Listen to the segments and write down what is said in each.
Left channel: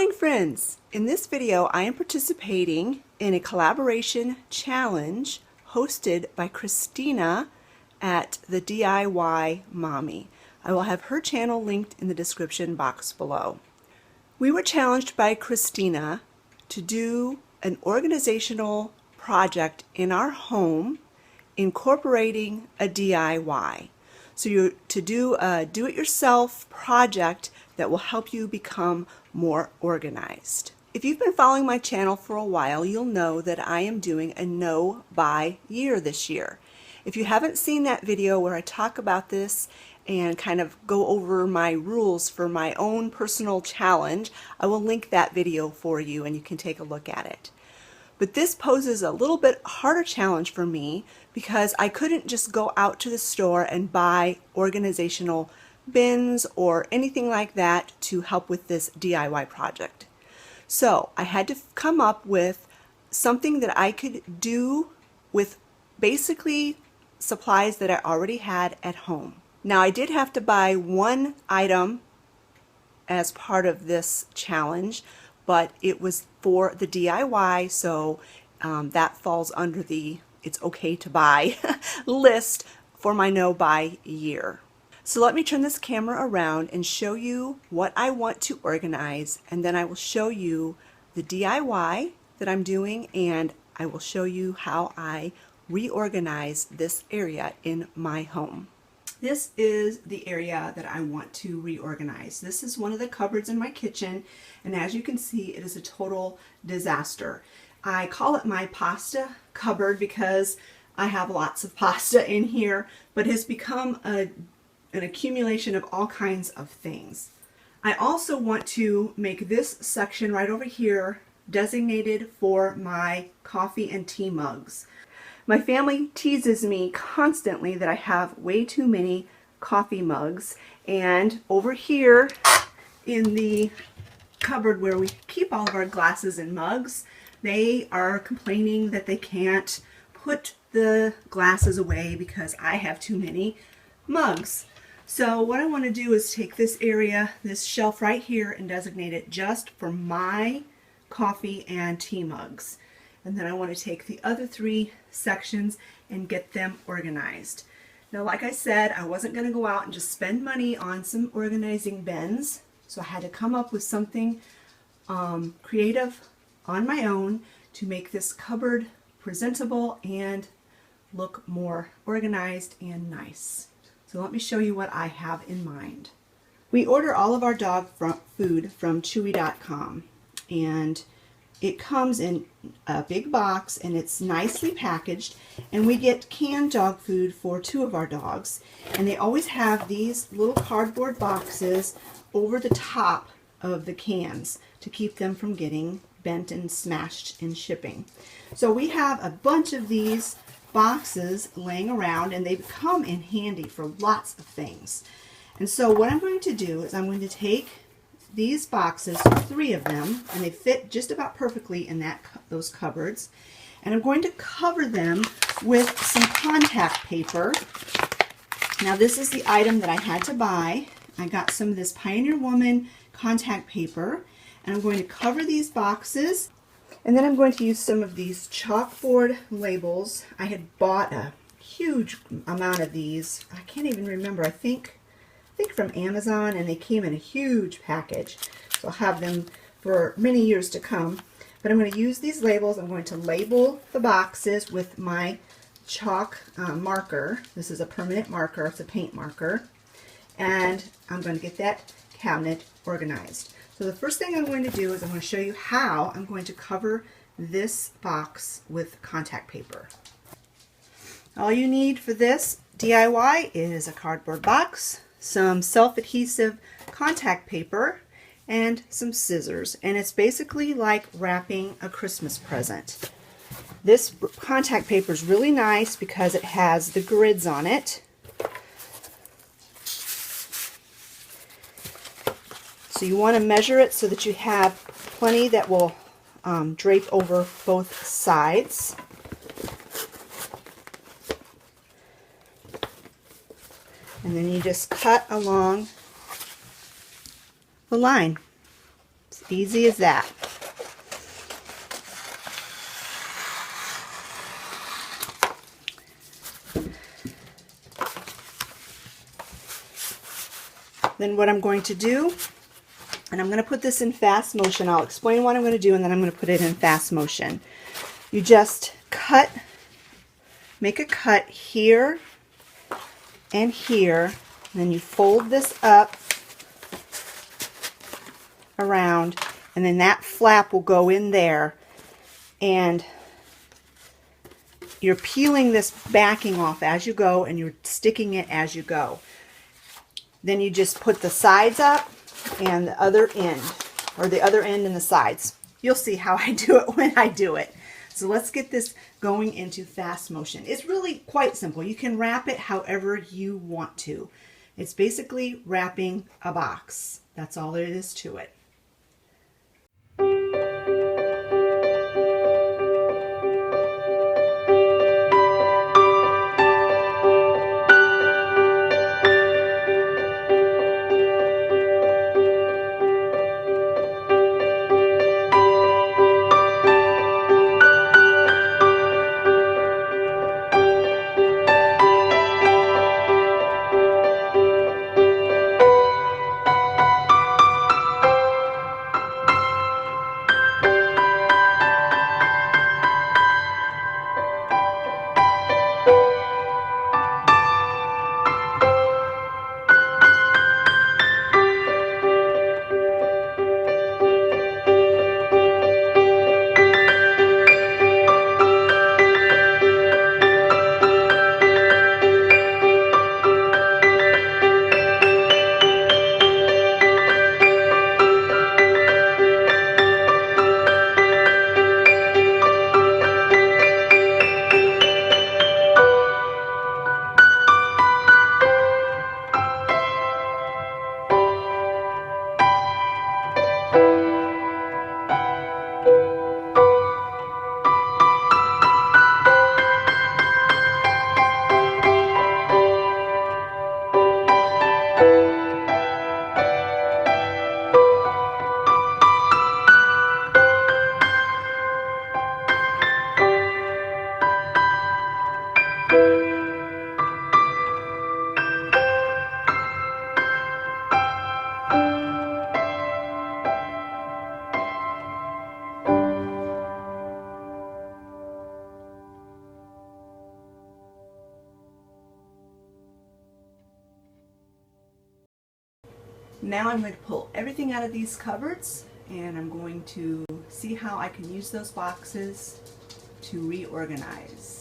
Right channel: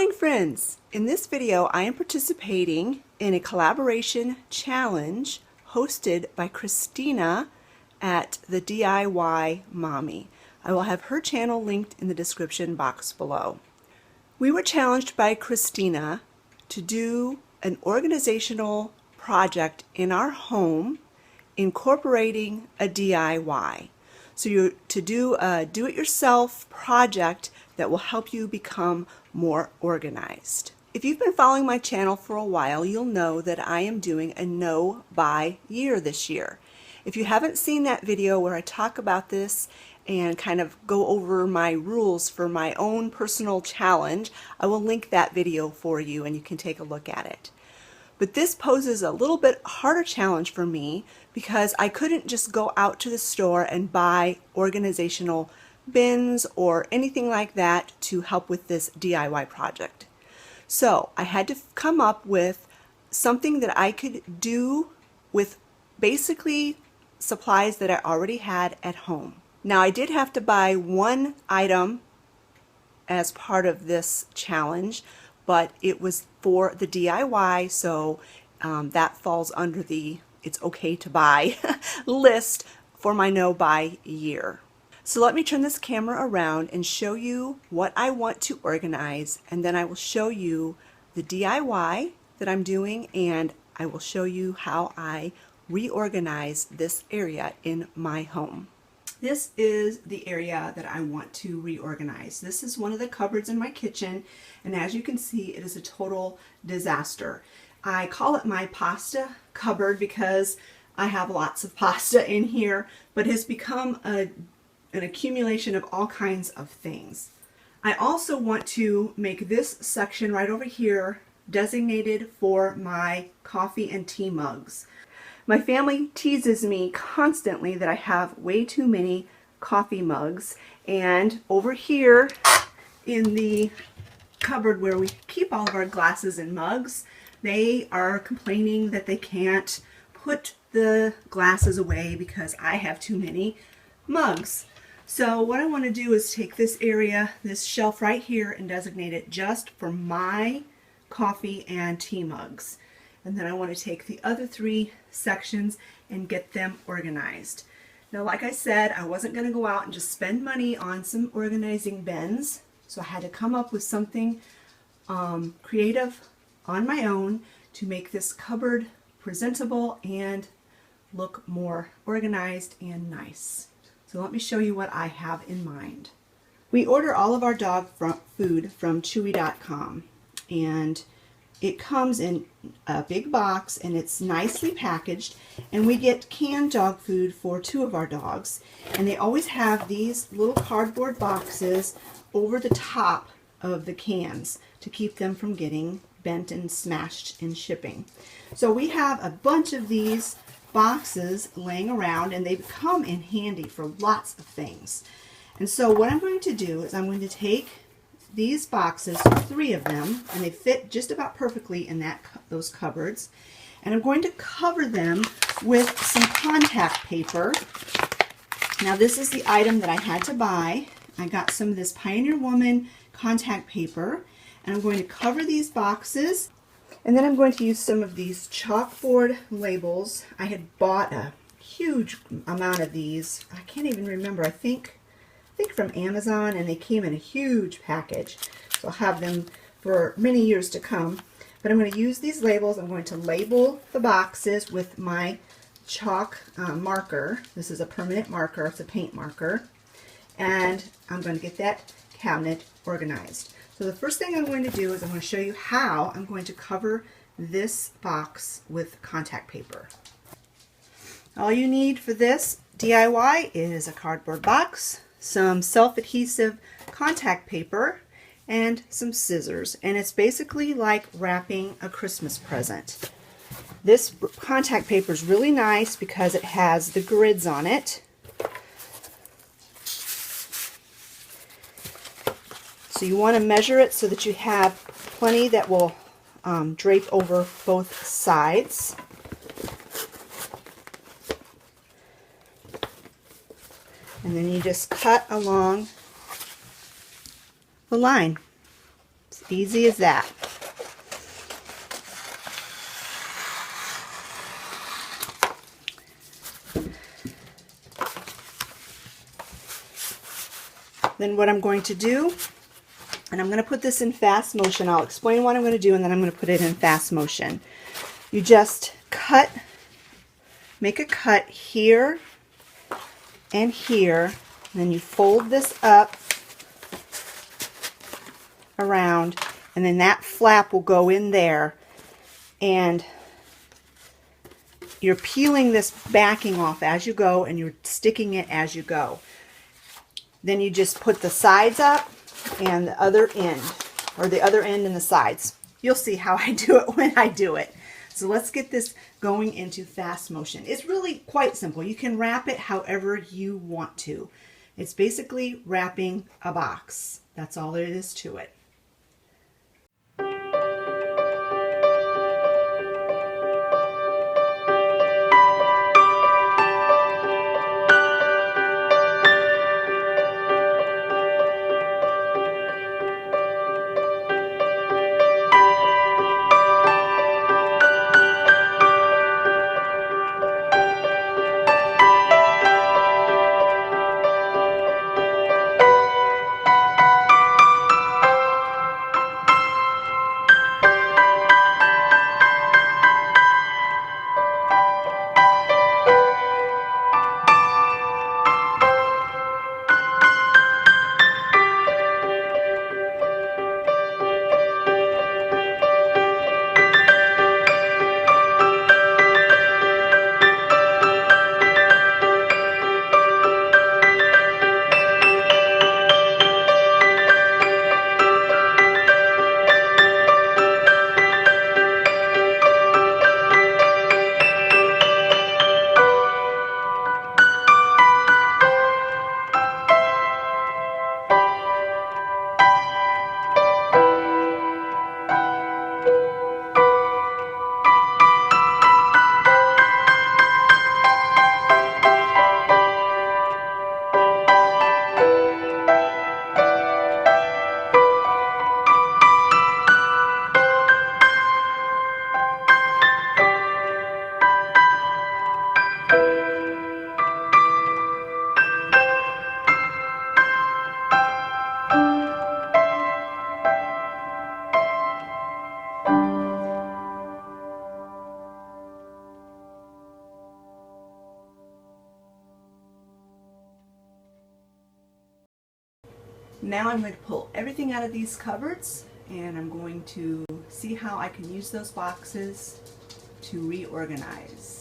morning, friends! In this video, I am participating in a collaboration challenge hosted by Christina at the DIY Mommy. I will have her channel linked in the description box below. We were challenged by Christina to do an organizational project in our home incorporating a DIY. So you're to do a do-it-yourself project that will help you become more organized. If you've been following my channel for a while, you'll know that I am doing a no-buy year this year. If you haven't seen that video where I talk about this and kind of go over my rules for my own personal challenge, I will link that video for you and you can take a look at it. But this poses a little bit harder challenge for me because I couldn't just go out to the store and buy organizational bins or anything like that to help with this DIY project. So I had to come up with something that I could do with basically supplies that I already had at home. Now I did have to buy one item as part of this challenge, but it was for the DIY, so that falls under the it's okay to buy list for my no buy year. So let me turn this camera around and show you what I want to organize, and then I will show you the DIY that I'm doing, and I will show you how I reorganize this area in my home. This is the area that I want to reorganize. This is one of the cupboards in my kitchen, and as you can see, it is a total disaster. I call it my pasta cupboard because I have lots of pasta in here, but it has become an accumulation of all kinds of things. I also want to make this section right over here designated for my coffee and tea mugs. My family teases me constantly that I have way too many coffee mugs, and over here in the cupboard where we keep all of our glasses and mugs, they are complaining that they can't put the glasses away because I have too many mugs. So what I want to do is take this area, this shelf right here, and designate it just for my coffee and tea mugs. And then I want to take the other three sections and get them organized. Now, like I said, I wasn't going to go out and just spend money on some organizing bins, so I had to come up with something creative on my own to make this cupboard presentable and look more organized and nice. So let me show you what I have in mind. We order all of our dog food from Chewy.com, and it comes in a big box and it's nicely packaged, and we get canned dog food for 2 of our dogs, and they always have these little cardboard boxes over the top of the cans to keep them from getting bent and smashed in shipping. So we have a bunch of these boxes laying around, and they come in handy for lots of things. And so what I'm going to do is I'm going to take these boxes, 3 of them, and they fit just about perfectly in those cupboards, and I'm going to cover them with some contact paper. Now this is the item that I had to buy. I got some of this Pioneer Woman contact paper, and I'm going to cover these boxes, and then I'm going to use some of these chalkboard labels. I had bought a huge amount of these. I can't even remember. I think from Amazon, and they came in a huge package, so I'll have them for many years to come. But I'm going to use these labels. I'm going to label the boxes with my chalk marker. This is a permanent marker. It's a paint marker, and I'm going to get that cabinet organized. So the first thing I'm going to do is I'm going to show you how I'm going to cover this box with contact paper. All you need for this DIY is a cardboard box, some self-adhesive contact paper, and some scissors. And it's basically like wrapping a Christmas present. This contact paper is really nice because it has the grids on it. So you want to measure it so that you have plenty that will drape over both sides. And then you just cut along the line. Easy as that. Then what I'm going to do, and I'm going to put this in fast motion. I'll explain what I'm going to do, and then I'm going to put it in fast motion. You just cut, make a cut here and here, and then you fold this up around, and then that flap will go in there, and you're peeling this backing off as you go, and you're sticking it as you go. Then you just put the sides up and the other end, or the other end and the sides. You'll see how I do it when I do it. So let's get this going into fast motion. It's really quite simple. You can wrap it however you want to. It's basically wrapping a box. That's all there is to it. Now I'm going to pull everything out of these cupboards, and I'm going to see how I can use those boxes to reorganize.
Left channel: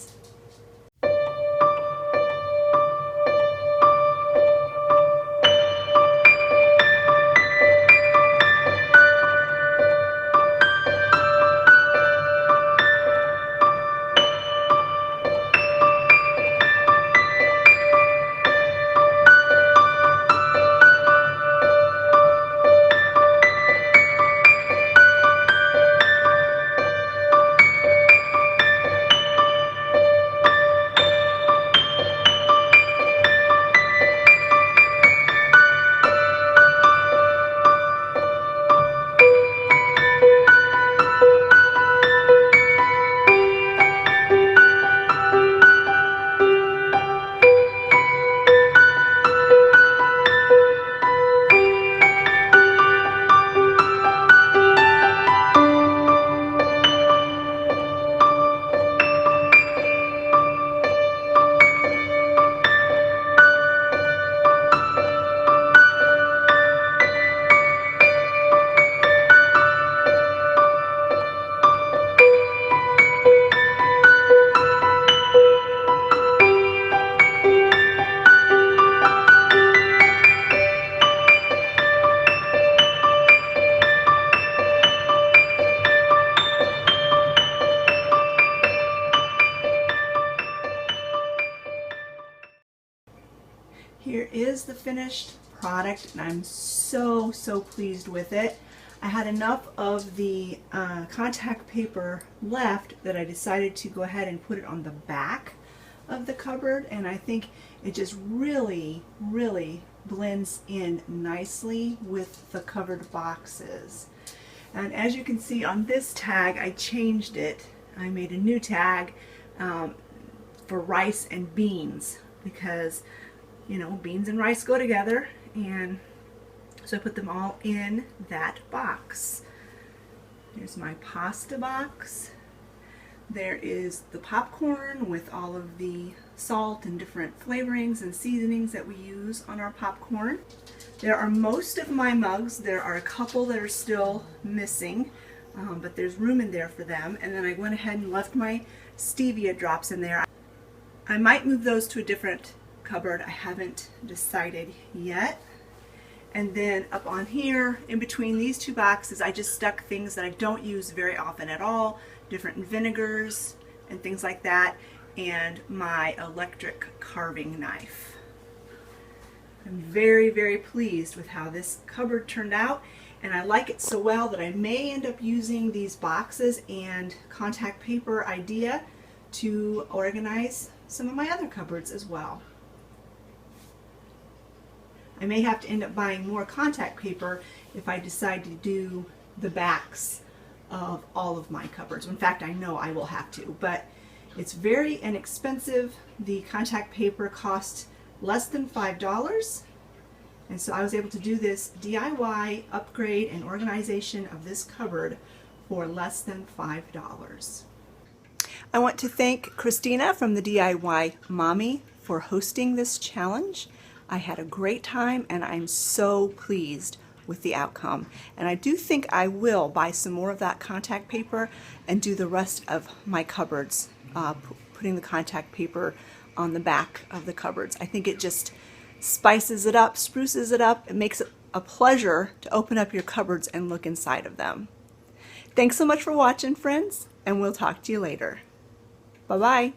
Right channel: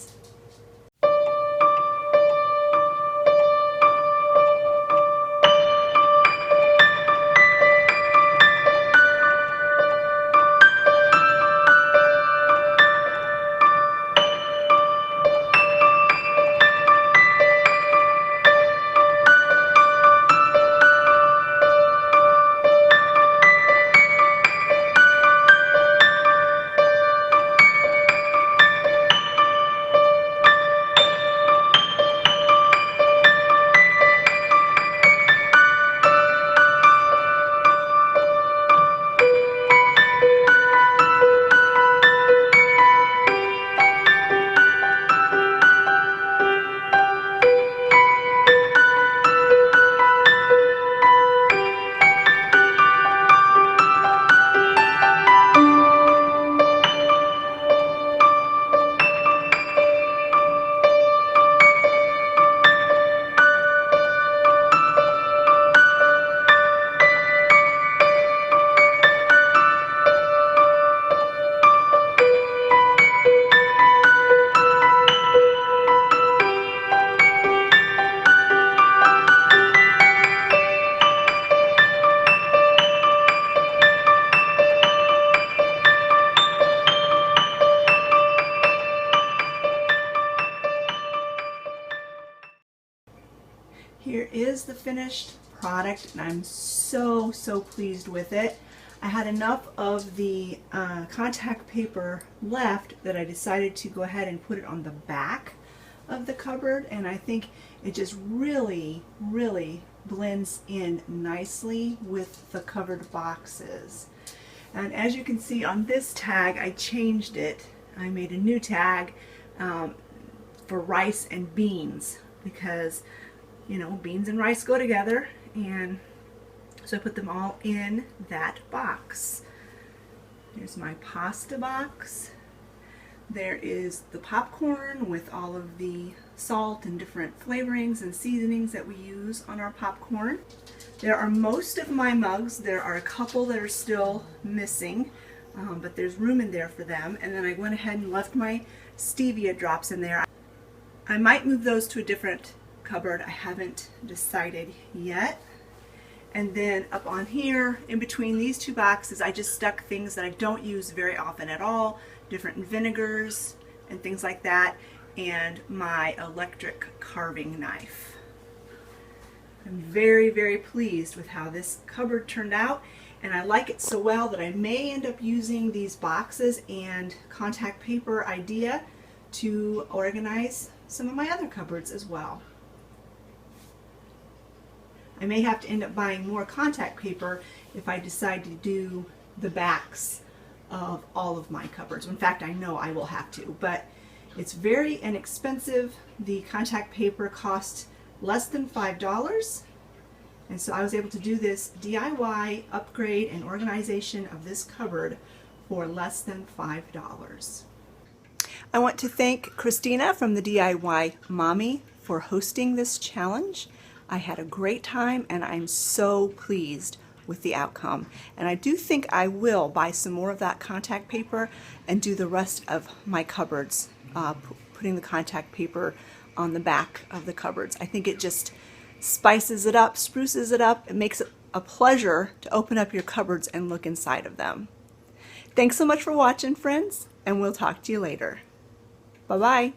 Here is the finished product, and I'm so pleased with it. I had enough of the contact paper left that I decided to go ahead and put it on the back of the cupboard, and I think it just really blends in nicely with the covered boxes. And as you can see on this tag, I changed it. I made a new tag for rice and beans because, you know, beans and rice go together, and so I put them all in that box. Here's my pasta box. There is the popcorn with all of the salt and different flavorings and seasonings that we use on our popcorn. There are most of my mugs. There are a couple that are still missing, but there's room in there for them. And then I went ahead and left my stevia drops in there. I might move those to a different cupboard. I haven't decided yet. And then up on here, in between these two boxes, I just stuck things that I don't use very often at all, different vinegars and things like that, and my electric carving knife. I'm very, very pleased with how this cupboard turned out, and I like it so well that I may end up using these boxes and contact paper idea to organize some of my other cupboards as well. I may have to end up buying more contact paper if I decide to do the backs of all of my cupboards. In fact, I know I will have to, but it's very inexpensive. The contact paper cost less than $5, and so I was able to do this DIY upgrade and organization of this cupboard for less than $5. I want to thank Christina from the DIY Mommy for hosting this challenge. I had a great time, and I'm so pleased with the outcome. And I do think I will buy some more of that contact paper and do the rest of my cupboards, putting the contact paper on the back of the cupboards. I think it just spices it up, spruces it up. It makes it a pleasure to open up your cupboards and look inside of them. Thanks so much for watching, friends, and we'll talk to you later. Bye-bye.